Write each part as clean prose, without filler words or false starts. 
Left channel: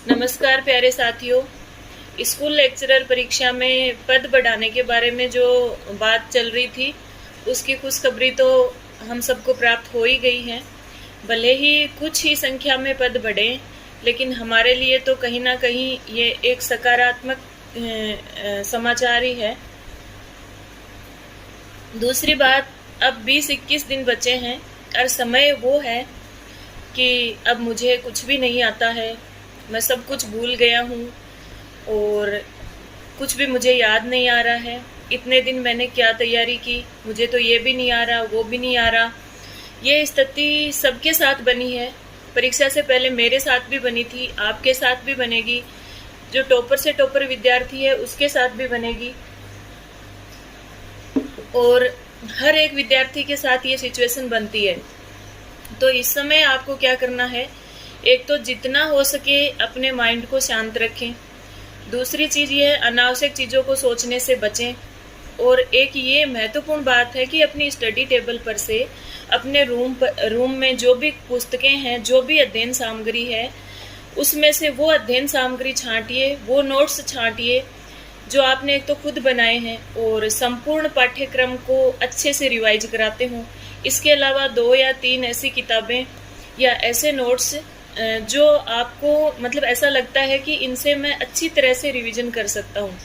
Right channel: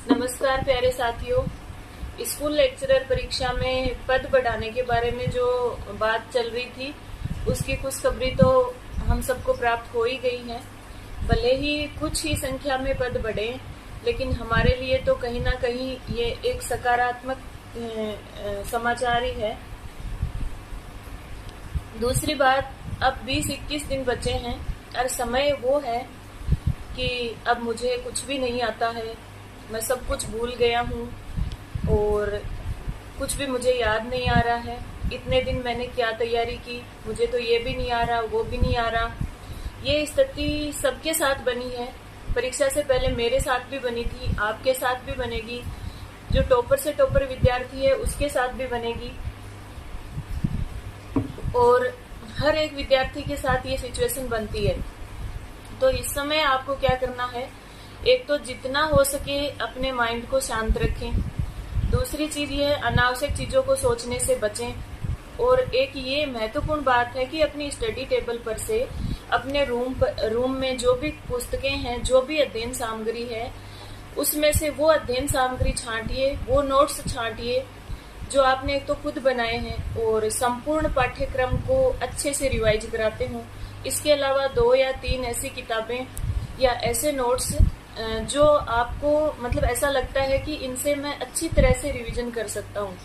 नमस्कार प्यारे साथियों। स्कूल लेक्चरर परीक्षा में पद बढ़ाने के बारे में जो बात चल रही थी उसकी खुशखबरी तो हम सबको प्राप्त हो ही गई है। भले ही कुछ ही संख्या में पद बढ़े, लेकिन हमारे लिए तो कहीं ना कहीं ये एक सकारात्मक समाचार ही है। दूसरी बात, अब 20-21 दिन बचे हैं और समय वो है कि अब मुझे कुछ भी नहीं आता है, मैं सब कुछ भूल गया हूँ और कुछ भी मुझे याद नहीं आ रहा है। इतने दिन मैंने क्या तैयारी की, मुझे तो ये भी नहीं आ रहा, वो भी नहीं आ रहा। ये स्थिति सबके साथ बनी है। परीक्षा से पहले मेरे साथ भी बनी थी, आपके साथ भी बनेगी, जो टॉपर से टॉपर विद्यार्थी है उसके साथ भी बनेगी, और हर एक विद्यार्थी के साथ ये सिचुएशन बनती है। तो इस समय आपको क्या करना है, एक तो जितना हो सके अपने माइंड को शांत रखें। दूसरी चीज़ ये है, अनावश्यक चीज़ों को सोचने से बचें। और एक ये महत्वपूर्ण बात है कि अपनी स्टडी टेबल पर से अपने रूम में जो भी पुस्तकें हैं, जो भी अध्ययन सामग्री है, उसमें से वो अध्ययन सामग्री छांटिए, वो नोट्स छांटिए जो आपने एक तो खुद बनाए हैं और संपूर्ण पाठ्यक्रम को अच्छे से रिवाइज कराते हों। इसके अलावा 2 या 3 ऐसी किताबें या ऐसे नोट्स जो आपको मतलब ऐसा लगता है कि इनसे मैं अच्छी तरह से रिवीजन कर सकता हूँ।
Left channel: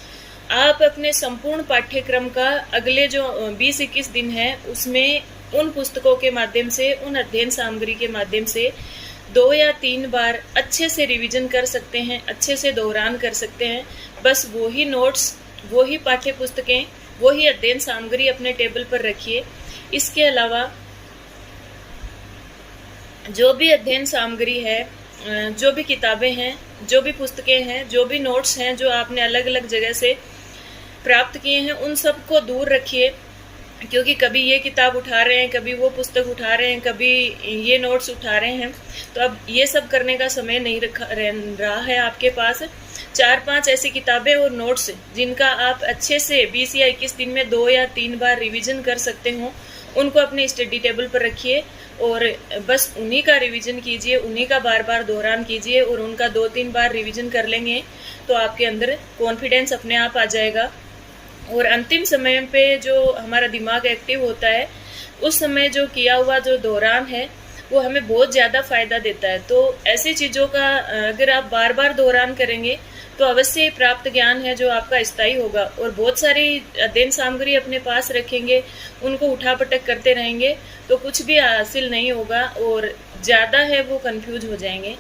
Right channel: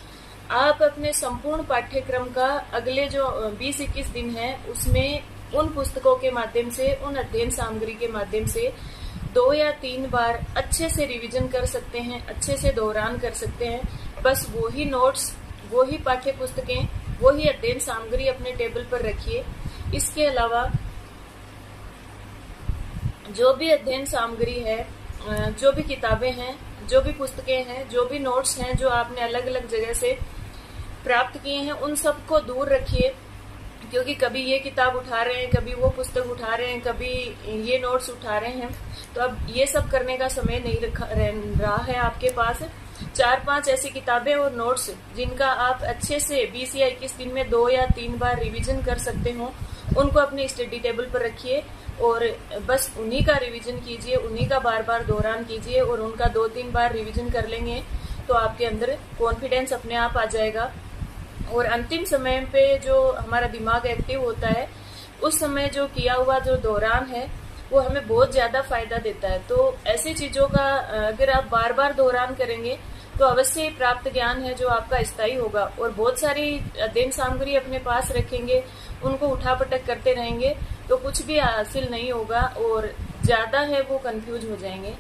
आप अपने संपूर्ण पाठ्यक्रम का अगले जो 20-21 दिन है उसमें उन पुस्तकों के माध्यम से, उन अध्ययन सामग्री के माध्यम से 2 या 3 बार अच्छे से रिवीजन कर सकते हैं, अच्छे से दोहरान कर सकते हैं। बस वो ही नोट्स, वो ही पाठ्य पुस्तकें, वो ही अध्ययन सामग्री अपने टेबल पर रखिए। इसके अलावा जो भी अध्ययन सामग्री है, जो भी किताबें हैं, जो भी पुस्तकें हैं, जो भी नोट्स हैं जो आपने अलग अलग जगह से प्राप्त किए हैं, उन सबको दूर रखिए। क्योंकि कभी ये किताब उठा रहे हैं, कभी वो पुस्तक उठा रहे हैं, कभी ये नोट्स उठा रहे हैं, तो अब ये सब करने का समय नहीं रहा है आपके पास। 4-5 ऐसी किताबें और नोट्स जिनका आप अच्छे से 20 या 21 दिन में 2 या 3 बार रिवीजन कर सकते हो, उनको अपने स्टडी टेबल पर रखिए और बस उन्हीं का रिवीजन कीजिए, उन्हीं का बार बार दोहरान कीजिए। और उनका 2-3 बार रिवीजन कर लेंगे तो आपके अंदर कॉन्फिडेंस अपने आप आ जाएगा। और अंतिम समय पे जो हमारा दिमाग एक्टिव होता है, उस समय जो किया हुआ जो दोहरान है वो हमें बहुत ज़्यादा फायदा देता है। तो ऐसी चीज़ों का अगर आप बार बार दोहरान करेंगे तो अवश्य प्राप्त ज्ञान है जो आपका स्थायी होगा। और बहुत सारी अध्ययन सामग्री अपने पास रखेंगे, उनको उठापटक करते रहेंगे तो कुछ भी हासिल नहीं होगा और ज़्यादा है वो कंफ्यूज हो जाएंगे।